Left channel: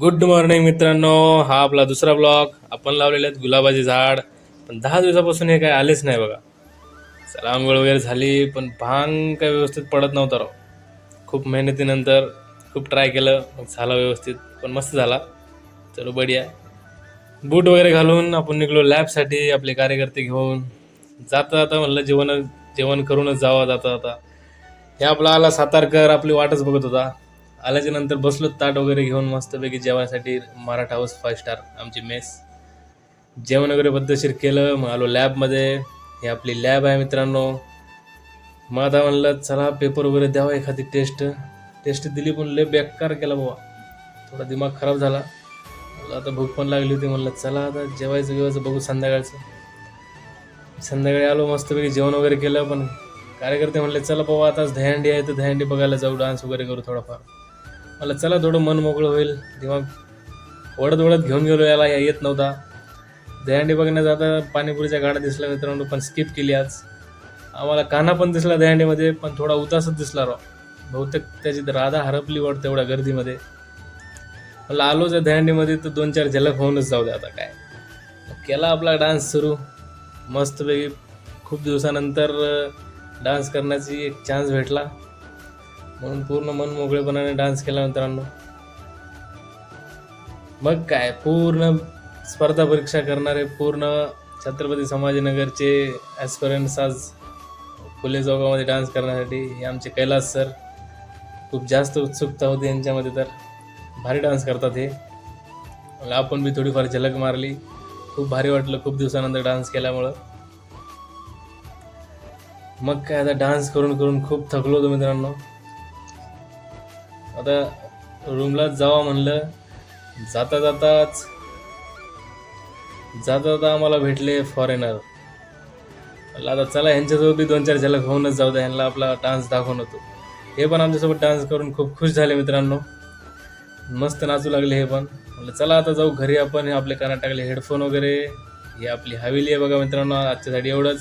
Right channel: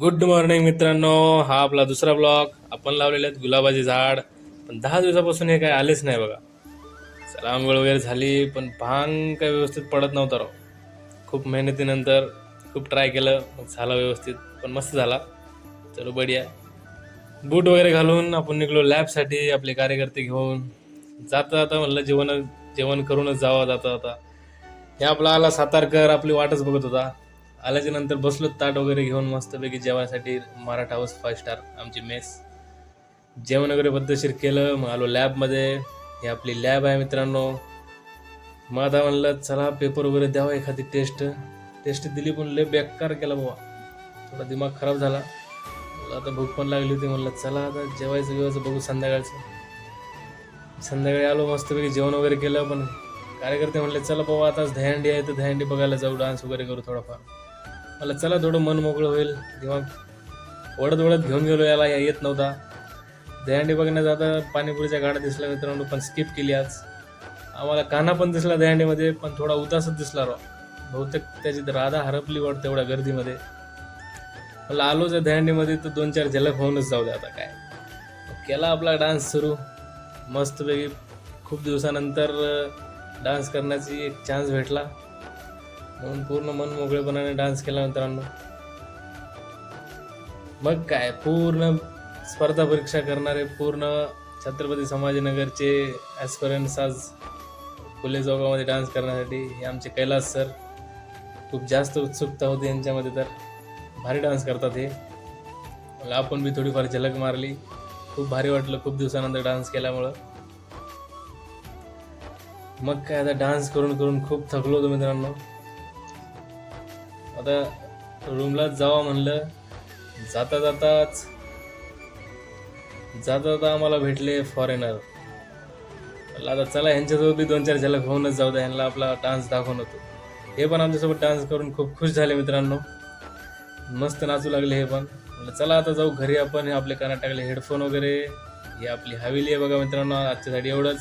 Good morning मित्रांनो. हा आपला दुसरा ब्लॉग. आपण लावलेले आहेत गुलाबाचे झाड, पण 10 दिवसापासून हे काय आलेच नाही बघा. चला आंघोळ वगैरे झाली, पण भांग काय व्यवस्थित पडत नव्हता राव. खूप मेहनतीनंतर खूप ट्राय केलं, मग झाला व्यवस्थित, पण मस्त झाला. चलो बढिया. बूट वगैरे घालून आपण निघलो लॅबसाठी आपले कार्यकर्ते घेऊन. जाता जाता म्हणलं जेवण करूनच जावा. जाता जाता हे आपला आला सातारकर आपली वाटच बघत होता. आल्याच्या नंतर बसलो ताट वगैरे घेऊन मस्तपैकी जेवणासाठी. मराठा हाऊस 5 स्टार आमची मेस. जेवण वगैरे पद्धतशीर केलं, मग आलो लॅबमध्ये. ही आपली लॅब आहे मित्रांनो. मग आता म्हणलं चला पेपर वगैरे द्यावा, एखादी टेस्ट दिली, पण लय बेकार केला बाबा. थोडा दिमाग खराब झाला. मला आता भूक पण लागली होती, म्हणलं चला आता जेवायचं बघू संध्याकाळचं. संध्याकाळी आलो मस्तपैकी जेवण वगैरे केलं, पण कार्यकर्ते म्हणले चला बाबा आताच दहीहंडी आहे तर दहीहंडी बघायला जाऊ, डान्स वगैरे करू थोडाफार. मला चला थोडं मन मोकळं होईल. दिमाग ओढत ओढत घेऊन गेलो, याला येत नव्हता. दहीहंडी बघण्यात आता पाणीपुरीच्या गाड्या दिसल्या मित्रांनो, पण स्किप केली आज. आम्हाला कान्हा पण दिसला दहीहंडीमध्ये, पण थोडा उदासच दिसला राव. बहुतेक त्याची राधा हरपली वाटतं एवढ्या गर्दीमध्ये. मला आलो त्या दहीहंडीमध्ये तर 2-4 झलक होऊनच जाऊ दे आता काय. केला आपला डान्स सुरू मस्तपैकी. खूप दिवसानंतर डान्स करण्याची एक चान्स भेटला, म्हणून पूर्ण मन मोकळेपणाने डान्स केला मित्रांनो. मग काय, पूर्ण स्पर्धा परीक्षा करणारे पूर्ण छत्रपती संभाजीनगरचे ॲस्पिरंट्स आज फुले चौकामध्ये डान्स करण्यासाठी. हे आमचे कैलास सर. खूप जास्त उत्सुकता होती यांच्यामध्ये, तर भारी डान्स करतात हे. मग आपण बी थोडीफार झलक मारली. खूप भारी वाटलं खूप दिवसानंतर डान्स केल्यामुळं. मग काय, आता डान्स करून करून खूप थकलो होतो मित्रांनो. आता रूमला जावा म्हणलं. जाता जाता आम्हाला भेटले फॉरेनर. आता चला ह्यांच्यासोबत बी 2-4 झलक होऊनच जाऊ द्या, ह्यांना आपला डान्स दाखवून होतो. हे पण आमच्यासोबत डान्स करून खूप खुश झाले मित्रांनो. मस्त नाचू लागले हे पण. म्हणलं चला आता जाऊ घरी आपण. हे आपले कानात टाकले हेडफोन वगैरे. ही आपली हवेली आहे बघा मित्रांनो. आजच्यासाठी एवढंच.